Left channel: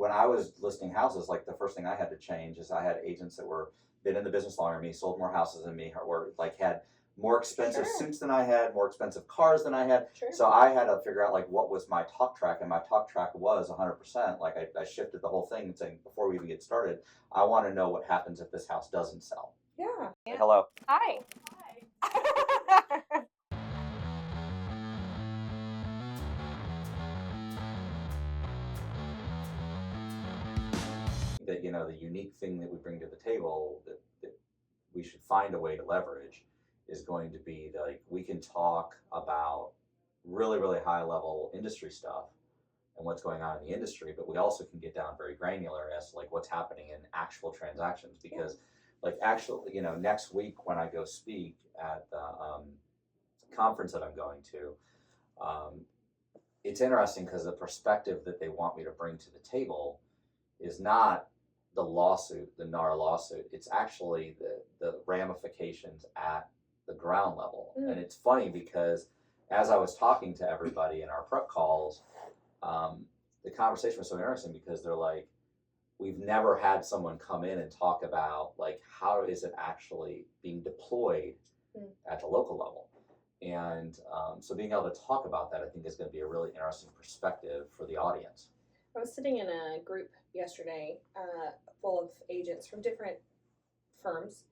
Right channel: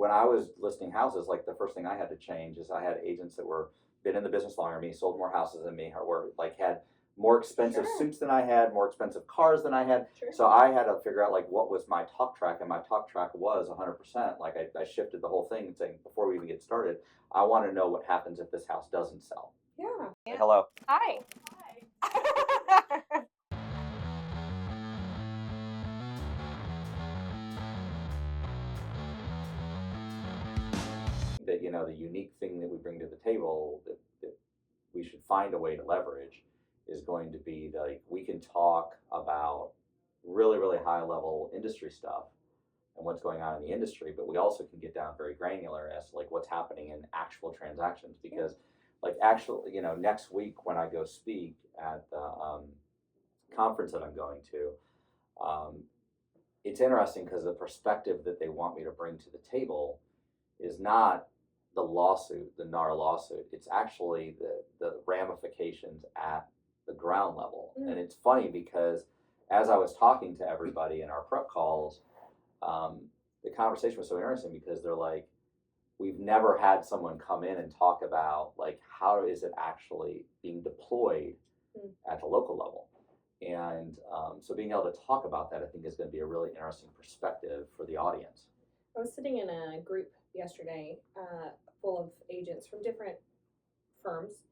when I was listing houses, like the first thing I had to change is I had agents that were been in the business longer than me, sold more houses than me, or like had more expensive suits than I had, more expensive cars than I had. Sure. So I had to figure out like what was my talk track, and my talk track was 100%. Like I shifted the whole thing and saying before we even get started, I want to know what happens if this house doesn't sell. Yeah. Hey, hello. Hi. That the unique thing that we bring to the table that we should find a way to leverage is going to be like we can talk about really really high level industry stuff and what's going on in the industry, but we also can get down very granular as to like what's happening in actual transactions, because like actually next week when I go speak at the conference that I'm going to, it's interesting because the perspective that they want me to bring to the table is not the lawsuit, the NAR lawsuit. It's actually the ramifications at the ground level. And it's funny because as I was talking to everybody in our prep calls, the conversation was so interesting because they're like, we've never had someone come in and talk about like how is it actually being deployed at the local level. And so being able to talk about that, I think, is going to be a really interesting perspective for the audience. I was sitting in a group yesterday full of agents from different firms,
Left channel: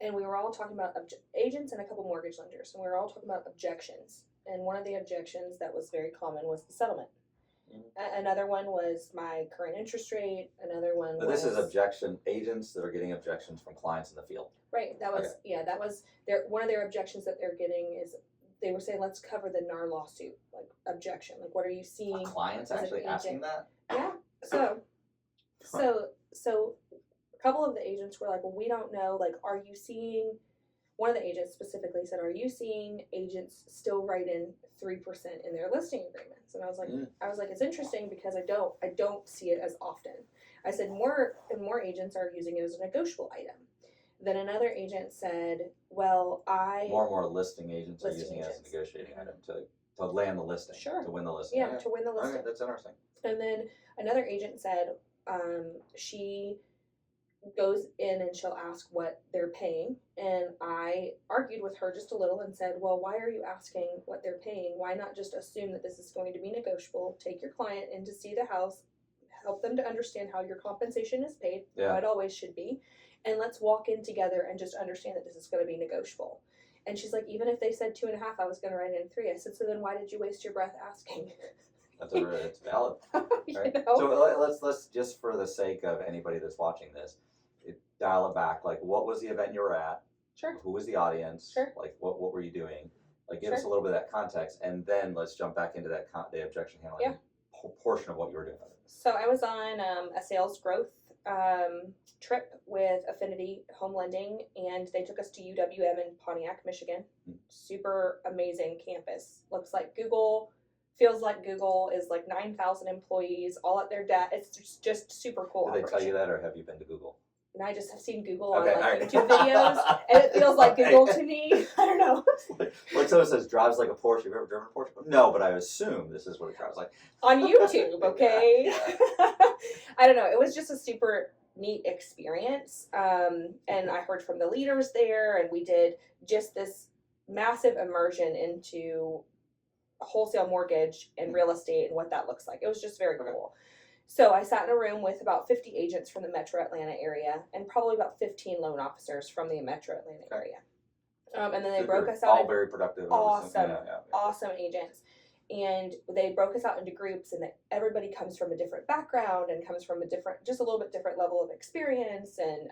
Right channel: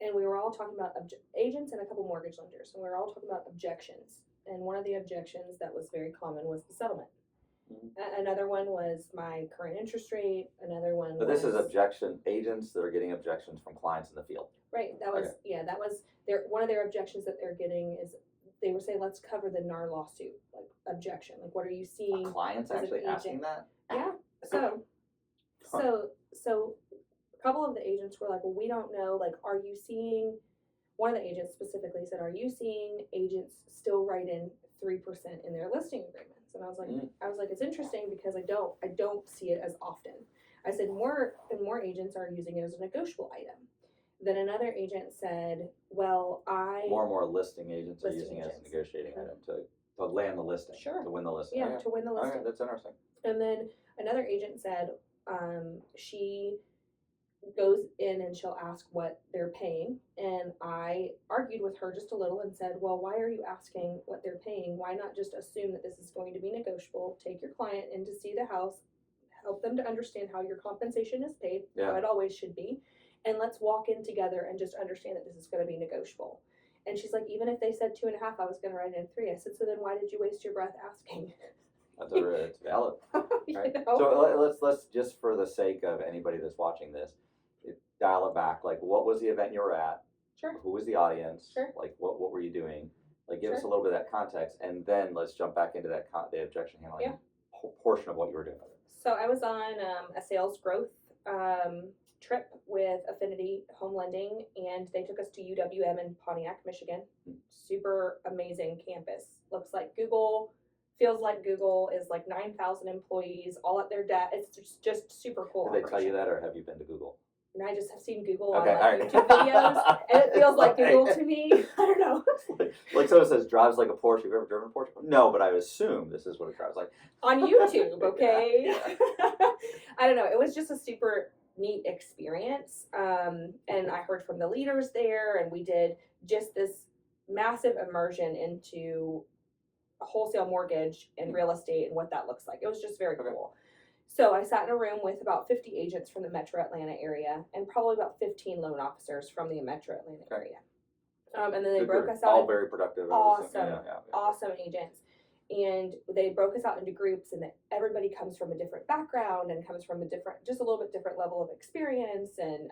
and we were all talking about agents and a couple mortgage lenders, and we were all talking about objections. And one of the objections that was very common was the settlement. Another one was my current interest rate. Another one But this is objection agents that are getting objections from clients in the field. Right. That was that was their one of their objections that they're getting is they were saying, let's cover the NAR lawsuit, like objection. Like, what are you seeing? Clients actually asking that? Yeah. So a couple of the agents were like, well, we don't know. Like, are you seeing? One of the agents specifically said, are you seeing agents still write in 3% in their listing agreements? And I was like, it's interesting because I don't see it as often. I said more agents are using it as a negotiable item. Then another agent said, well, more and more listing agents are using it as a negotiating item to land the listing, to win the listing. Yeah, to win the listing. Okay, that's interesting. And then another agent said she goes in and she'll ask what they're paying, and I argued with her just a little and said, well, why are you asking what they're paying? Why not just assume that this is going to be negotiable? Take your client in to see the house, help them to understand how your compensation is paid, how it always should be, and let's walk in together and just understand that this is going to be negotiable. And she's like, even if they said 2.5, I was going to write in 3. I said, so then why did you waste your breath asking? It's valid. Right? So let's just for the sake of anybody that's watching this, dial it back. Like, what was the event you were at? Sure. Who was the audience? Sure. Like, what were you doing? Like, give us a little bit of that context, and then let's jump back into that the objection handling portion of what you were doing. So I was on a sales growth trip with Affinity Home Lending, and they took us to UWM in Pontiac, Michigan. Super amazing campus. Looks like Google. Feels like Google is like 9,000 employees, all at their desk. It's just super cool. Did they tell you that, or have you been to Google? And I just have seen Google on YouTube videos, and it feels like Google to me. I don't know. Like someone says, drives like a Porsche. You've ever driven a Porsche? No, but I assume this is what it drives like. On YouTube, okay? I don't know. It was just a super neat experience. And I heard from the leaders there, and we did just this massive immersion into wholesale mortgage and real estate and what that looks like. It was just very cool. So I sat in a room with about 50 agents from the Metro Atlanta area and probably about 15 loan officers from the Metro Atlanta area. And then they broke us out. All very productive. Awesome agents. And they broke us out into groups, and everybody comes from a different background and comes from just a little bit different level of experience, and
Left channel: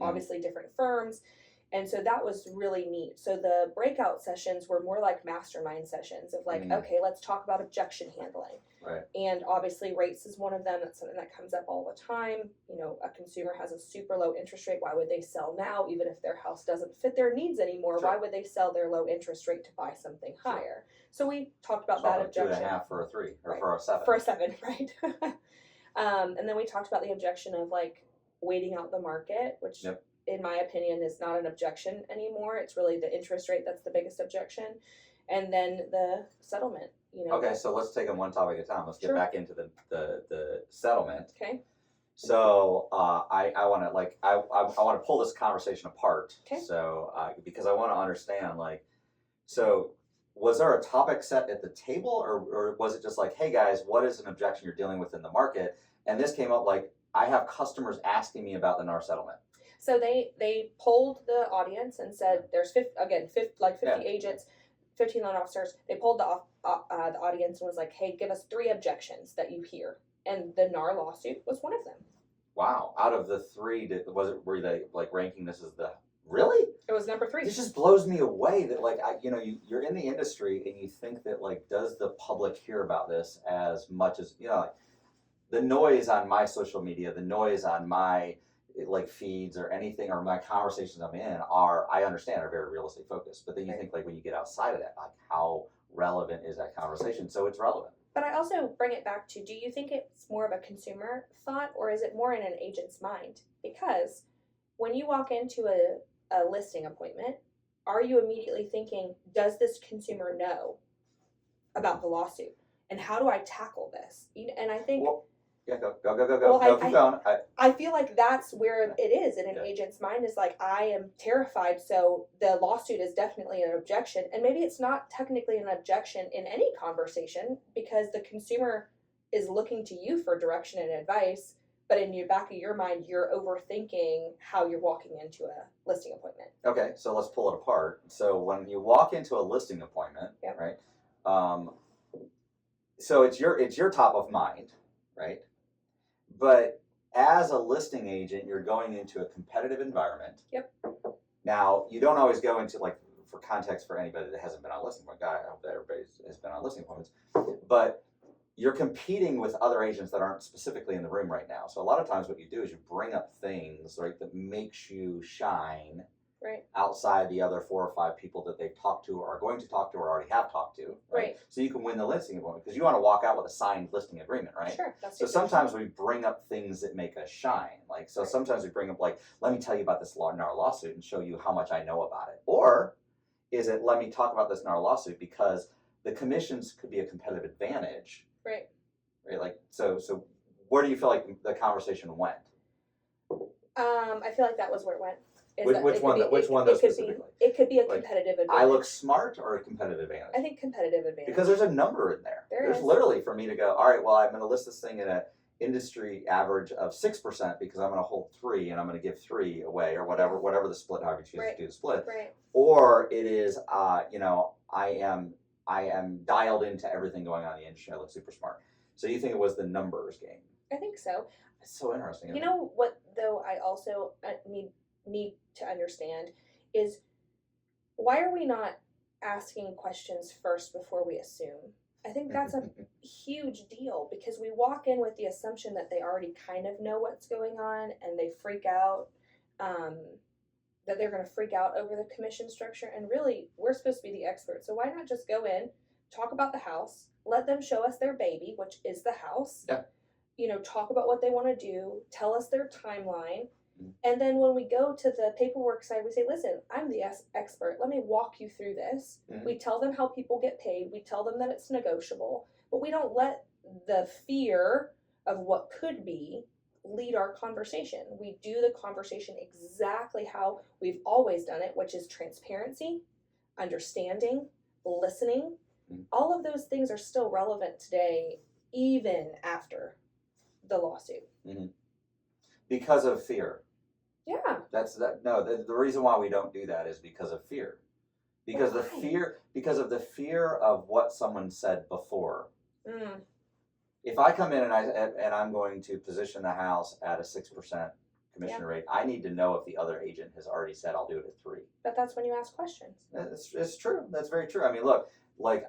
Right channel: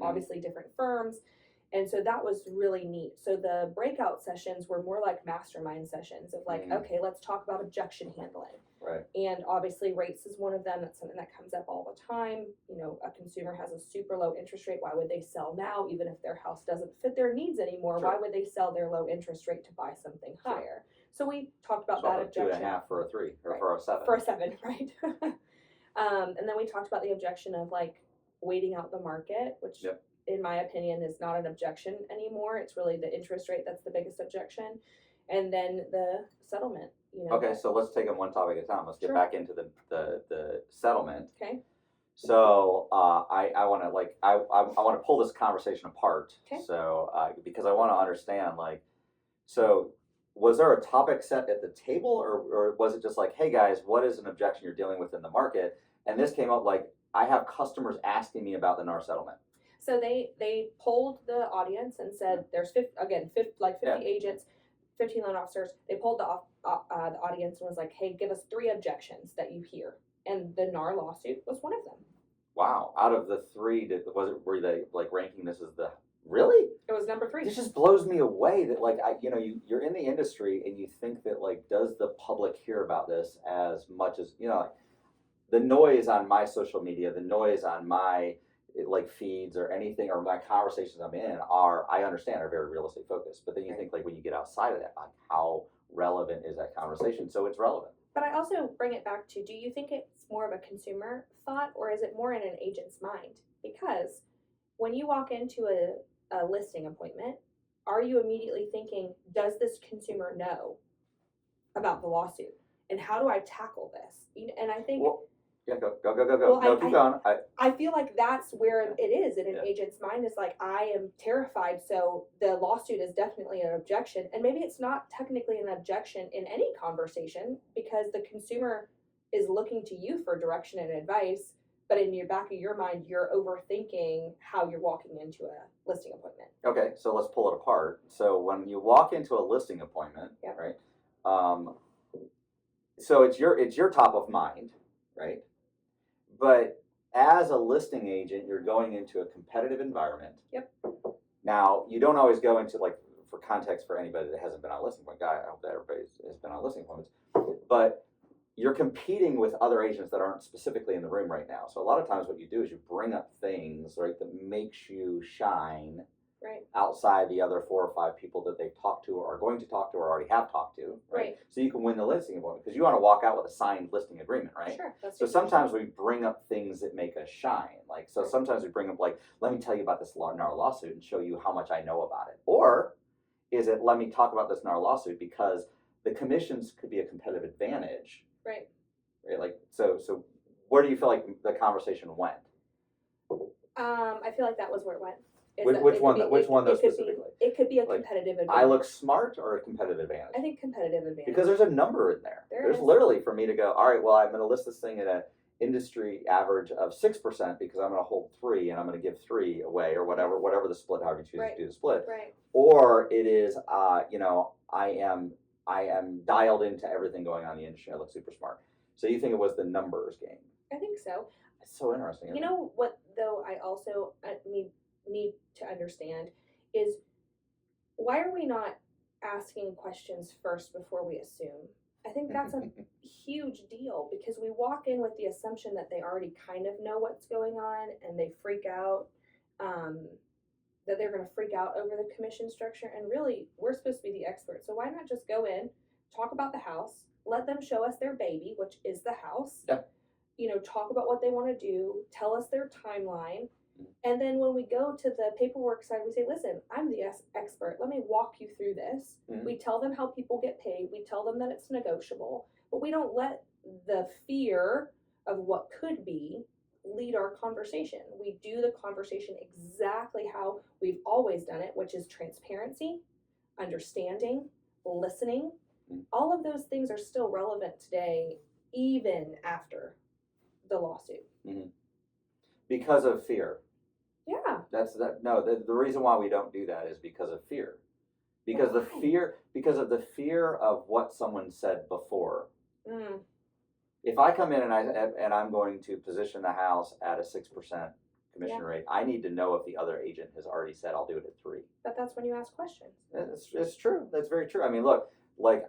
obviously different firms. And so that was really neat. So the breakout sessions were more like mastermind sessions of like, okay, let's talk about objection handling. Right. And obviously rates is one of them. That's something that comes up all the time. You know, a consumer has a super low interest rate. Why would they sell now? Even if their house doesn't fit their needs anymore, why would they sell their low interest rate to buy something higher? So we talked about that objection. 2.5 for a 3 or for a 7. For a 7, right? And then we talked about the objection of like waiting out the market, which in my opinion is not an objection anymore. It's really the interest rate that's the biggest objection. and then the settlement. Okay, so let's take them one topic at a time. Let's get Sure. back into the settlement. Okay. So I want to I want to pull this conversation apart. Okay. So because I want to understand so was there a topic set at the table, or was it just like, hey guys, what is an objection you're dealing with in the market? And this came up like, I have customers asking me about the NAR settlement. So they polled the audience and said there's 50 Yeah. agents, 15 loan officers. They polled the audience and was like, hey, give us 3 objections that you hear, and the NAR lawsuit was one of them. Wow, out of the 3, were they like ranking this as the really? It was number 3. This just blows me away that like you're in the industry and you think that like, does the public hear about this as much as like, the noise on my social media, the noise on my like feeds or anything, or my conversations I'm in I understand are very real estate focused, but then you think like, when you get outside of that, like how relevant is that conversation? So it's relevant. But I also bring it back to, do you think it's more of a consumer thought, or is it more in an agent's mind? Because when you walk into a listing appointment, are you immediately thinking, does this consumer know about the lawsuit? And how do I tackle this? And I think... Well, yeah, go. Well, no, keep going. I feel like that's where it is in an agent's mind, is like, I am terrified, so the lawsuit is definitely an objection. And maybe it's not technically an objection in any conversation, because the consumer is looking to you for direction and advice, but in your back of your mind, you're overthinking how you're walking into a listing appointment. Okay, so let's pull it apart. So when you walk into a listing appointment, Yep. right? So it's your top of mind, right? But as a listing agent, you're going into a competitive environment. Yep. Now, you don't always go into, like, for context for anybody that hasn't been on a listing appointment, I hope that everybody has been on listing appointments, but you're competing with other agents that aren't specifically in the room right now. So a lot of times what you do is you bring up things, right, that makes you shine outside the other 4 or 5 people that they've talked to or are going to talk to or already have talked to, right? So you can win the listing appointment, because you want to walk out with a signed listing agreement, right? Sure. That's so sometimes we bring up things that make us shine. Like, so sometimes we bring up like, let me tell you about this NAR lawsuit and show you how much I know about it. Or is it, let me talk about this NAR lawsuit because the commissions could be a competitive advantage. Right. Right. Like, so where do you feel like the conversation went? I feel like that was where it went. Which one though specifically? It could be a competitive advantage. I look smart or a competitive advantage? I think competitive advantage. Because there's a number in there. There's literally for me to go, all right, well, I'm going to list this thing at an industry average of 6% because I'm going to hold 3 and I'm going to give 3 away, or whatever the split, however you choose to do the split. Right. Or it is, I am dialed into everything going on in the industry. I look super smart. So you think it was the numbers game? I think so. It's so interesting. You know what, though, I also need to understand is, why are we not asking questions first before we assume? I think that's a huge deal, because we walk in with the assumption that they already kind of know what's going on, and they freak out, that they're going to freak out over the commission structure. And really, we're supposed to be the experts. So why not just go in, talk about the house, let them show us their baby, which is the house. Yeah. Talk about what they want to do, tell us their timeline. And then when we go to the paperwork side, we say, listen, I'm the expert. Let me walk you through this. We tell them how people get paid. We tell them that it's negotiable. But we don't let the fear of what could be lead our conversation. We do the conversation exactly how we've always done it, which is transparency, understanding, listening. All of those things are still relevant today, even after the lawsuit. Because of fear. Yeah. The reason why we don't do that is because of fear. Because of the fear of what someone said before. If I come in and I'm going to position the house at a 6% commission rate, I need to know if the other agent has already said I'll do it at 3. But that's when you ask questions. It's true. That's very true. I mean, look, like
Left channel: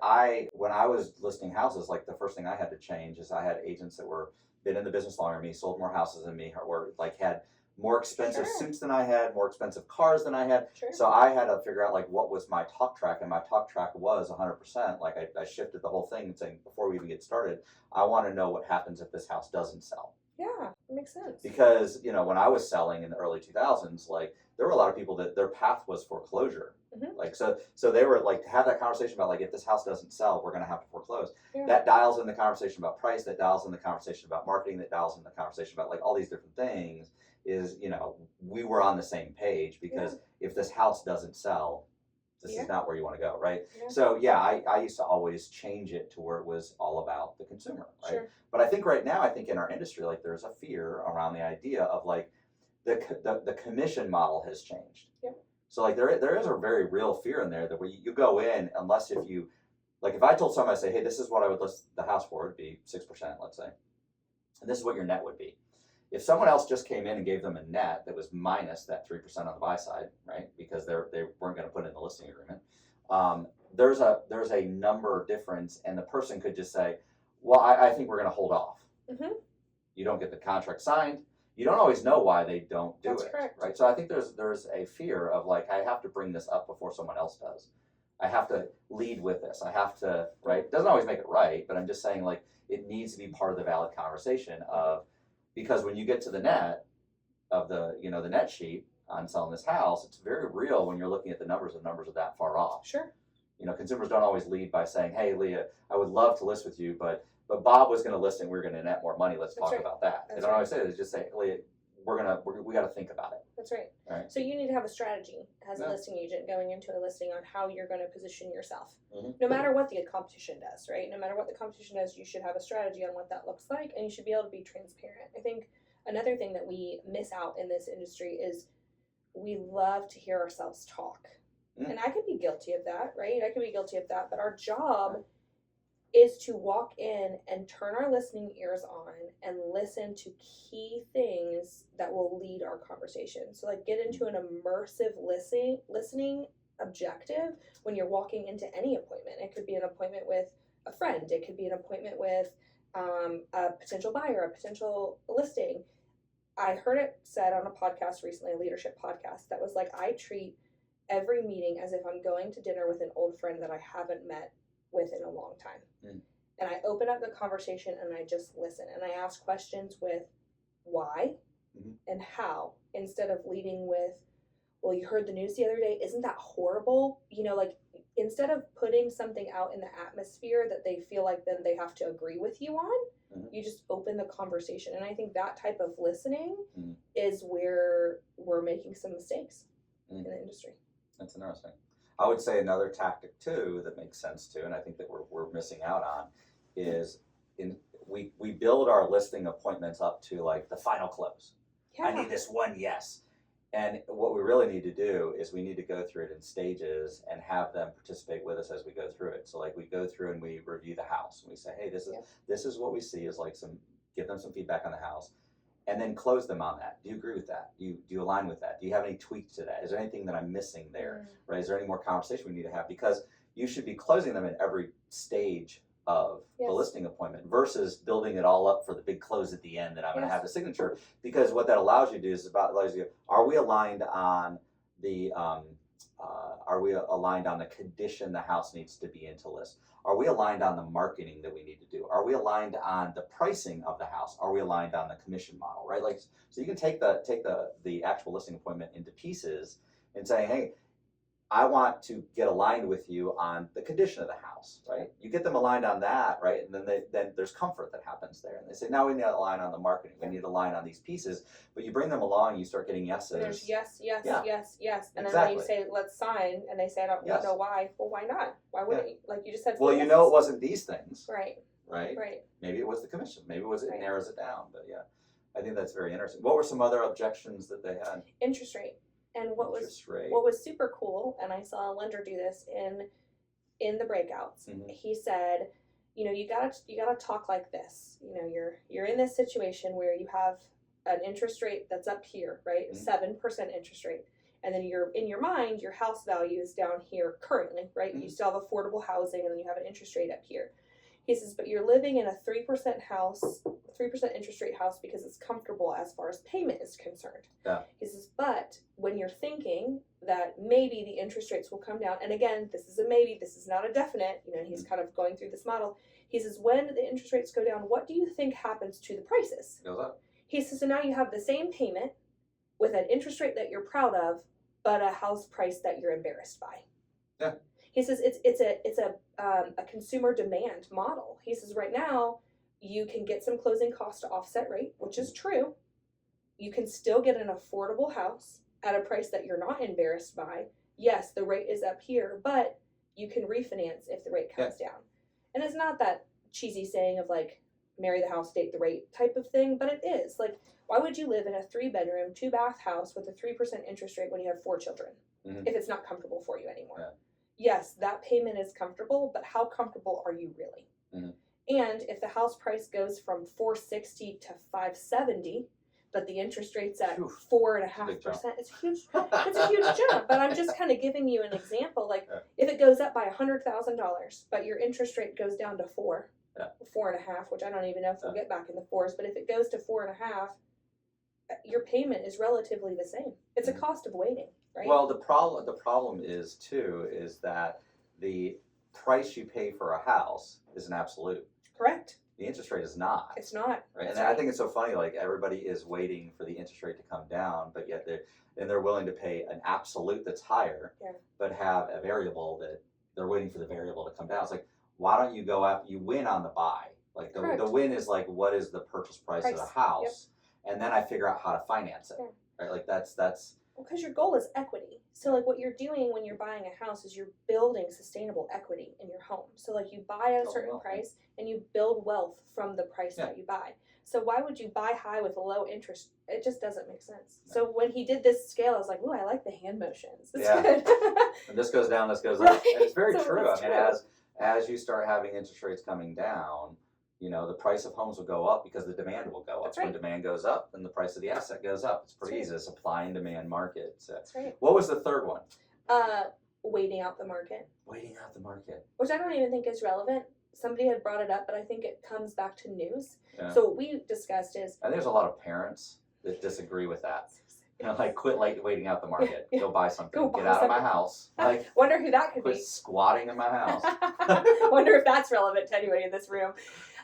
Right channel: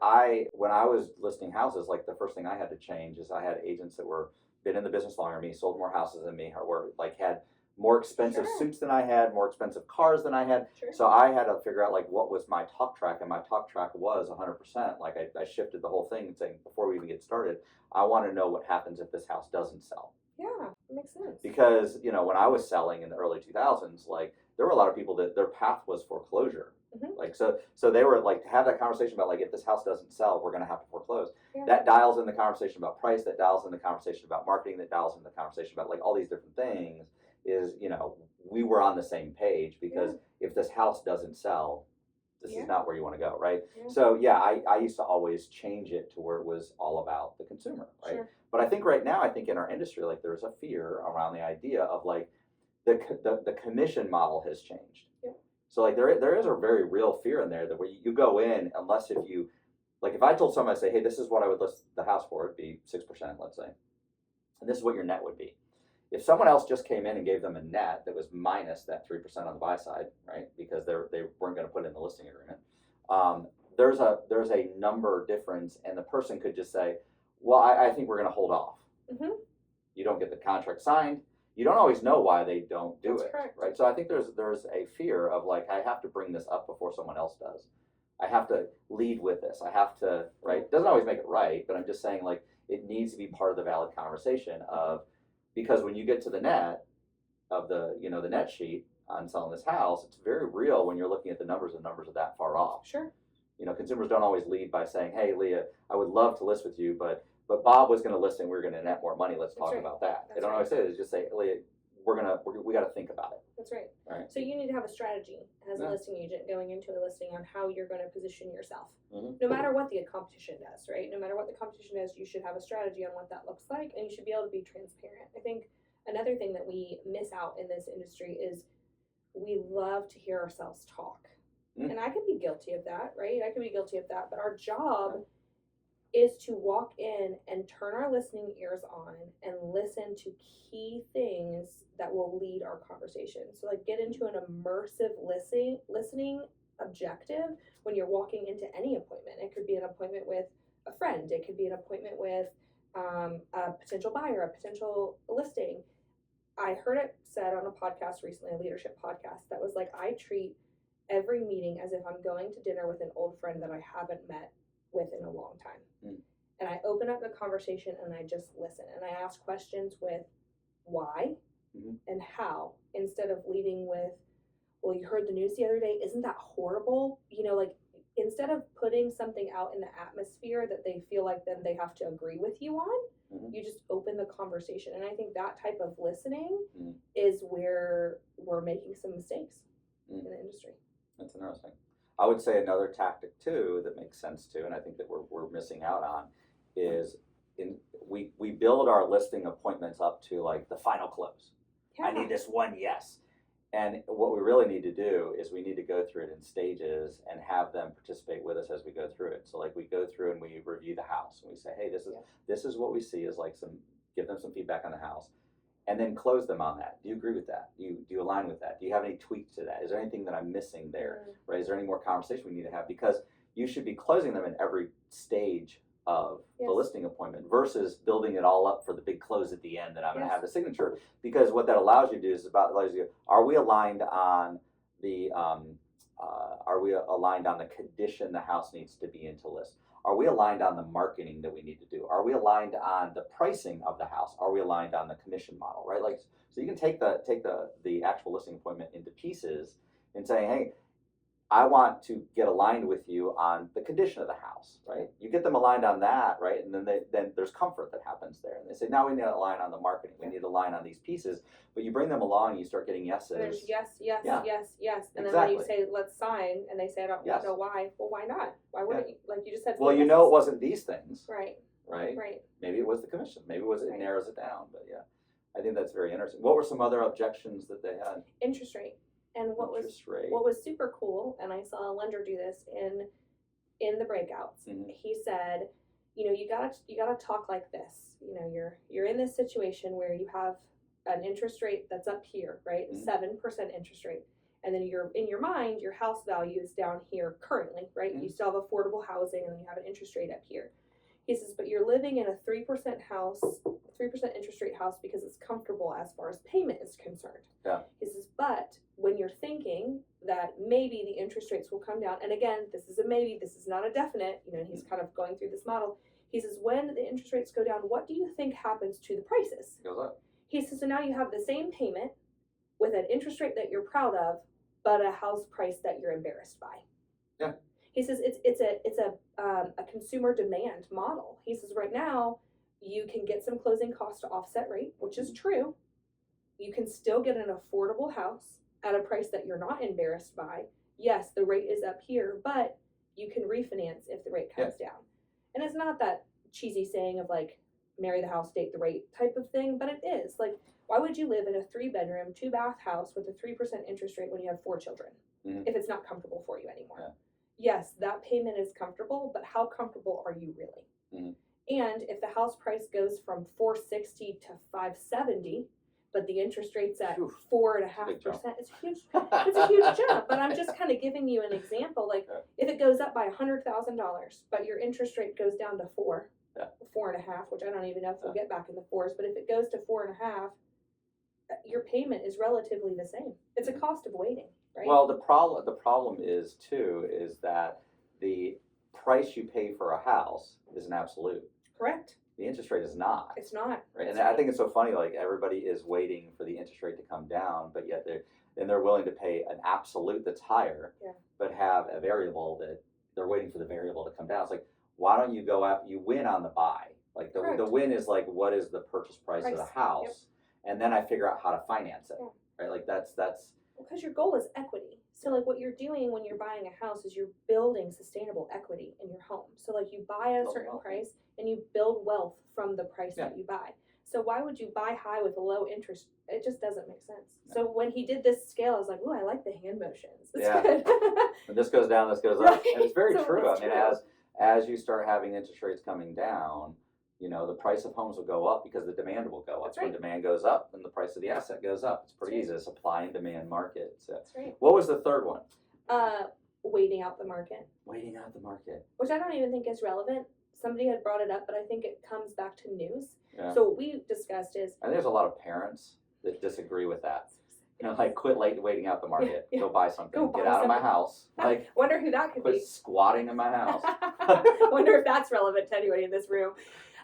when I was listing houses, like the first thing I had to change is I had agents that were been in the business longer than me, sold more houses than me, or like had more expensive suits than I had, more expensive cars than I had. So I had to figure out like what was my talk track, and my talk track was 100%. Like I shifted the whole thing, saying before we even get started, I want to know what happens if this house doesn't sell. Yeah, it makes sense. Because, when I was selling in the early 2000s, like there were a lot of people that their path was foreclosure. Mhm. Like, so they were like, to have that conversation about like, if this house doesn't sell, we're going to have to foreclose. Yeah. That dials in the conversation about price, that dials in the conversation about marketing, that dials in the conversation about like all these different things. Is, we were on the same page, because if this house doesn't sell, this is not where you want to go, right? Yeah. So yeah, I used to always change it to where it was all about the consumer, right? Sure. But I think right now, I think in our industry, like there's a fear around the idea of like the commission model has changed. Yep. So like there is a very real fear in there that where you go in, unless if you, like if I told somebody, I say, hey, this is what I would list the house for, it'd be 6%, let's say, and this is what your net would be. If someone else just came in and gave them a net that was minus that 3% on the buy side, right, because they weren't going to put it in the listing agreement, there's a number difference, and the person could just say, well, I think we're going to hold off. Mm-hmm. You don't get the contract signed. You don't always know why they don't do That's it, correct. right? So I think there's a fear of like, I have to bring this up before someone else does. I have to lead with this. I have to, right? It doesn't always make it right, but I'm just saying like it needs to be part of the valid conversation of, because when you get to the net of the the net sheet on selling this house, it's very real when you're looking at the numbers are that far off. Sure. Consumers don't always lead by saying, hey, Leah, I would love to list with you, but Bob was going to list and we're going to net more money. Let's talk about that. They don't always say that. They just say, Leah, we got to think about it. That's right. Right. So you need to have a strategy as a listing agent going into a listing on how you're going to position yourself. Mm-hmm. No matter what the competition does, right? No matter what the competition does, you should have a strategy on what that looks like, and you should be able to be transparent. I think another thing that we miss out in this industry is we love to hear ourselves talk. And I could be guilty of that, right? I could be guilty of that. But our job is to walk in and turn our listening ears on and listen to key things that will lead our conversation. So like get into an immersive listening objective when you're walking into any appointment. It could be an appointment with a friend. It could be an appointment with a potential buyer, a potential listing. I heard it said on a podcast recently, a leadership podcast, that was like, I treat every meeting as if I'm going to dinner with an old friend that I haven't met with in a long time. And I open up the conversation and I just listen, and I ask questions with why and how, instead of leading with, well, you heard the news the other day, isn't that horrible? Like instead of putting something out in the atmosphere that they feel like then they have to agree with you on, you just open the conversation. And I think that type of listening is where we're making some mistakes in the industry. That's interesting. I would say another tactic too that makes sense too, and I think that we're missing out on, is we build our listing appointments up to like the final close. Yeah. I need this one yes. And what we really need to do is we need to go through it in stages and have them participate with us as we go through it. So like we go through and we review the house and we say, hey, this is what we see as like give them some feedback on the house. And then close them on that. Do you agree with that? Do you align with that? Do you have any tweaks to that? Is there anything that I'm missing there? Right? Is there any more conversation we need to have? Because you should be closing them in every stage of the listing appointment versus building it all up for the big close at the end that I'm going to have the signature. Because what that allows you to do is allows you, are we aligned on the condition the house needs to be in to list? Are we aligned on the marketing that we need to do? Are we aligned on the pricing of the house? Are we aligned on the commission model, right? Like, so you can take the actual listing appointment into pieces and say, hey, I want to get aligned with you on the condition of the house, right? You get them aligned on that, right? And then there's comfort that happens there. And they say, now we need to align on the marketing. We need to align on these pieces. But you bring them along, and you start getting yeses. And there's yes. And then Exactly. when you say, let's sign, and they say, I don't know why. Well, why not? Why wouldn't you? Like you just said. Well, it wasn't these things. Right. Right. Maybe it was the commission. Maybe it narrows it down. But yeah, I think that's very interesting. What were some other objections that they had? Interest rate. And what was super cool, and I saw a lender do this in the breakouts. He said, you gotta talk like this. You're in this situation where you have an interest rate that's up here, right? 7% interest rate, and then in your mind, your house value is down here currently, right? You still have affordable housing, and then you have an interest rate up here. He says, but you're living in a 3% house, 3% interest rate house because it's comfortable as far as payment is concerned. Yeah. He says, but when you're thinking that maybe the interest rates will come down, and again, this is a maybe, this is not a definite, he's kind of going through this model. He says, when the interest rates go down, what do you think happens to the prices? Goes up. He says, so now you have the same payment with an interest rate that you're proud of, but a house price that you're embarrassed by. Yeah. He says it's a consumer demand model. He says right now you can get some closing costs to offset rate, which is true. You can still get an affordable house at a price that you're not embarrassed by. Yes, the rate is up here, but you can refinance if the rate comes down. And it's not that cheesy saying of like marry the house, date the rate type of thing, but it is. Like, why would you live in a 3-bedroom, 2-bath house with a 3% interest rate when you have 4 children if it's not comfortable for you anymore? Yeah. Yes, that payment is comfortable, but how comfortable are you really? And if the house price goes from $460 to $570, but the interest rate's at 4.5%, it's huge. It's a huge jump. But I'm just kind of giving you an example. Like, if it goes up by $100,000, but your interest rate goes down to 4.5, which I don't even know if we'll get back in the 4s. But if it goes to 4.5, your payment is relatively the same. It's a cost of waiting, right? Well, the problem is too is that the price you pay for a house is an absolute. Correct. The interest rate is not. It's not. Right, and I think it's so funny. Like everybody is waiting for the interest rate to come down, but yet they're willing to pay an absolute that's higher, but have a variable that they're waiting for the variable to come down. It's like, why don't you go out? You win on the buy. Like the win is like, what is the purchase price of the house, and then I figure out how to finance it. Right, like that's. Because your goal is equity. So like what you're doing when you're buying a house is you're building sustainable equity in your home. So like you buy at a certain price and you build wealth from the price that you buy. So why would you buy high with a low interest? It just doesn't make sense. So when he did this scale, I was like, ooh, I like the hand motions. It's good. And this goes down, this goes up. And it's very So true. it's I mean, as you start having interest rates coming down, you know, the price of homes will go up because the demand will go up. That's right. When demand goes up, then the price of the asset goes up. It's pretty easy. The supply and demand market. So. That's right. What was the third one? Waiting out the market. Waiting out the market. Which I don't even think is relevant. Somebody had brought it up, but I think it comes back to news. Yeah. So what we discussed is... I think there's a lot of parents that disagree with that. You know, like quit waiting out the market. Go buy something. Go Get buy out of my something. house. Like, wonder who that could quit be. squatting in my house. Wonder if that's relevant to anybody in this room.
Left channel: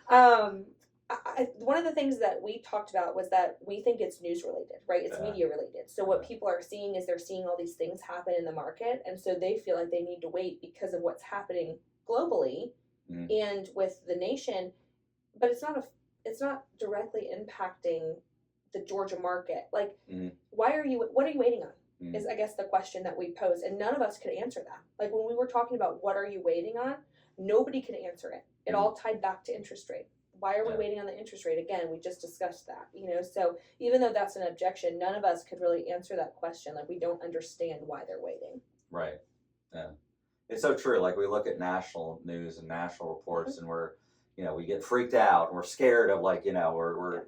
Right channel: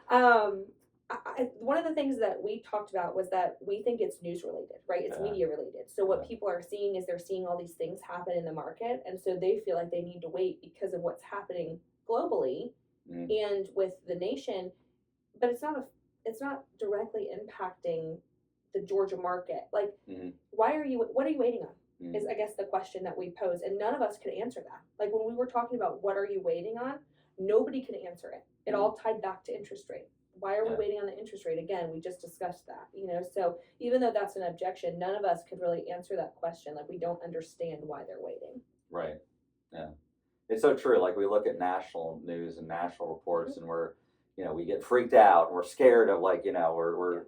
One of the things that we talked about was that we think it's news related, right? It's media related. So what people are seeing is they're seeing all these things happen in the market, and so they feel like they need to wait because of what's happening globally and with the nation. But it's not directly impacting the Georgia market. Like, what are you waiting on? Is I guess the question that we pose, and none of us could answer that. Like when we were talking about what are you waiting on, nobody could answer it. It all tied back to interest rate. Why are we waiting on the interest rate? Again, we just discussed that, you know. So even though that's an objection, none of us could really answer that question. Like we don't understand why they're waiting. Right. Yeah. It's so true. Like we look at national news and national reports, and we get freaked out, and we're scared of like, we're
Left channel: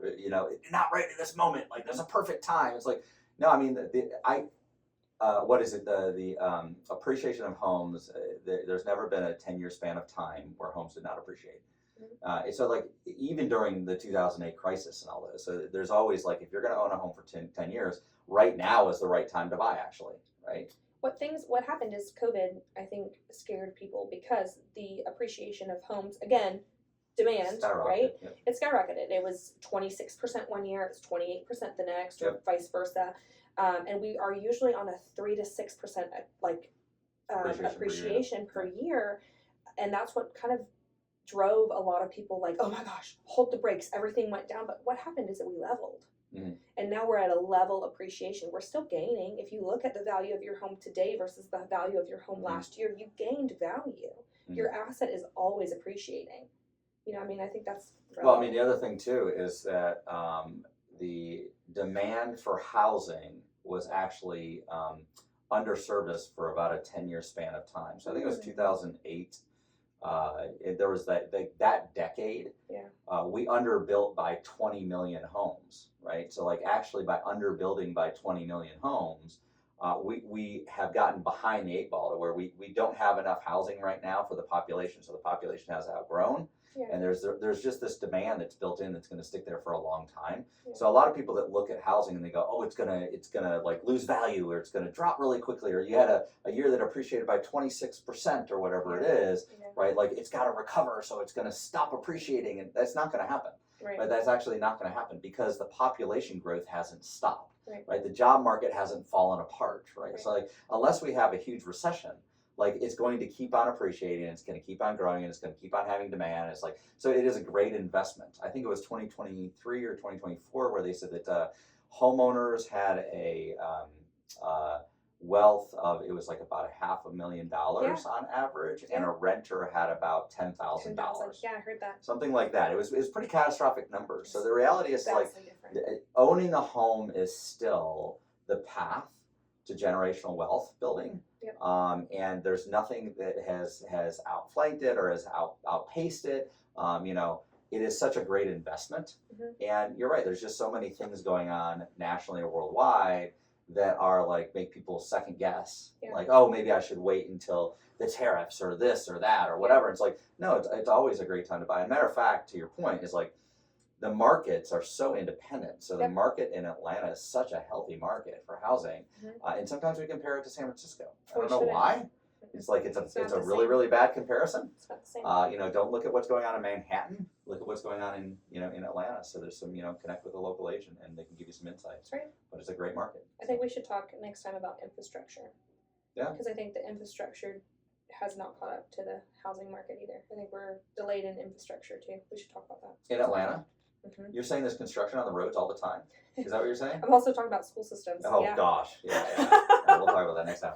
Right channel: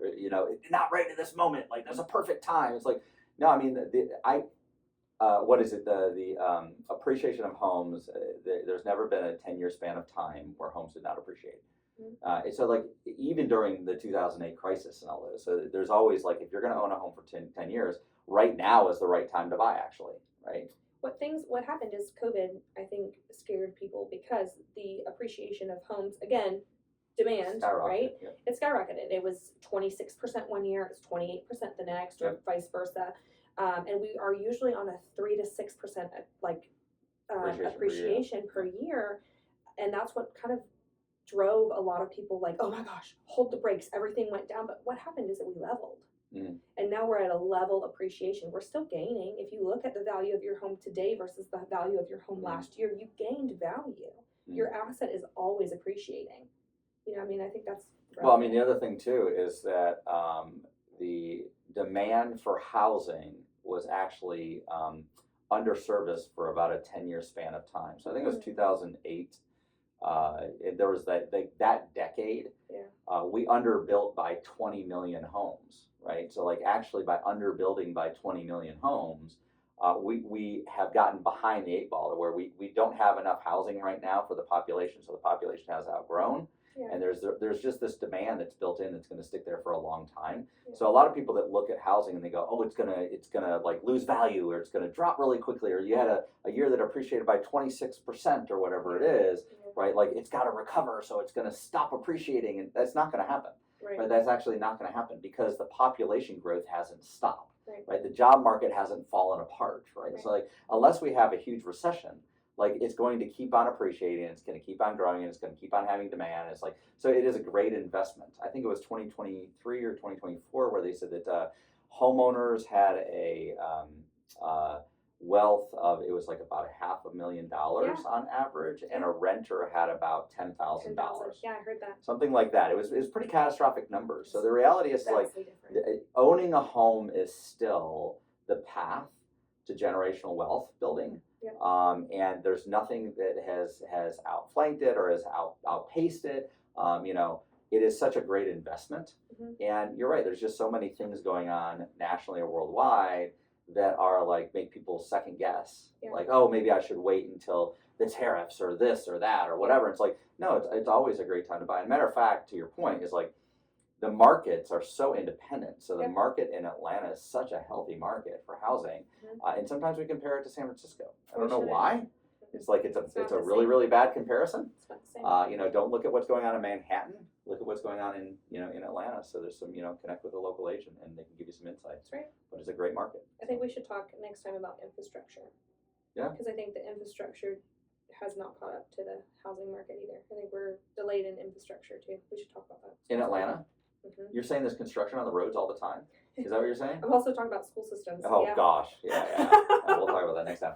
not right at this moment. Like there's a perfect time. It's like, no, I mean, what is it? The appreciation of homes. There's never been a 10-year span of time where homes did not appreciate. So like even during the 2008 crisis and all this, so there's always like if you're going to own a home for 10 years, right now is the right time to buy. Actually, right. What happened is COVID, I think, scared people because the appreciation of homes, again, demand, right? Yep. It skyrocketed. It was 26% one year, it was 28% the next, or vice versa. And we are usually on a 3 to 6% appreciation per year, and that's what kind of drove a lot of people like, oh my gosh, hold the brakes, everything went down. But what happened is that we leveled. And now we're at a level appreciation. We're still gaining. If you look at the value of your home today versus the value of your home last year, you gained value. Your asset is always appreciating. I mean, I think that's relevant. Well, I mean, the other thing too is that the demand for housing was actually underserviced for about a 10-year span of time. So I think it was 2008. There was that decade. We underbuilt by 20 million homes, right? So like actually by underbuilding by 20 million homes, we have gotten behind the 8 ball to where we don't have enough housing right now for the population. So the population has outgrown. And there's just this demand that's built in that's going to stick there for a long time. So a lot of people that look at housing and they go, oh, it's gonna like lose value, or it's gonna drop really quickly, or you had a year that appreciated by 26% or whatever it is, right? Like it's got to recover, so it's going to stop appreciating, and that's not going to happen. Right? That's actually not going to happen because the population growth hasn't stopped. Right. The job market hasn't fallen apart. Right. Right. So like unless we have a huge recession, like it's going to keep on appreciating, it's going to keep on growing, and it's going to keep on having demand. It's like, so it is a great investment. I think it was 2023 or 2024 where they said that homeowners had a wealth of, it was like about $500,000 on average, and a renter had about $10,000. Yeah, I heard that. Something like that. It was pretty catastrophic numbers. So the reality is like different. owning a home is still the path to generational wealth building. Yep. And there's nothing that has outflanked it or has outpaced it. It is such a great investment. And you're right, there's just so many things going on nationally or worldwide that are like make people second guess. Like, oh, maybe I should wait until the tariffs or this or that or whatever. It's like, no, it's always a great time to buy. And matter of fact, to your point, is like the markets are so independent. So the market in Atlanta is such a healthy market for housing. And sometimes we compare it to San Francisco. I don't know why. It's like it's a really, really bad comparison. It's not the same. Don't look at what's going on in Manhattan. Look at what's going on in Atlanta. So there's some, connect with a local agent and they can give you some insights. That's right. But it's a great market. I think we should talk next time about infrastructure. Yeah. Because I think the infrastructure has not caught up to the housing market either. I think we're delayed in infrastructure too. We should talk about that. In Atlanta? You're saying there's construction on the roads all the time? Is that what you're saying? I'm also talking about school systems. Oh yeah. gosh. Yeah. We'll talk about that next time.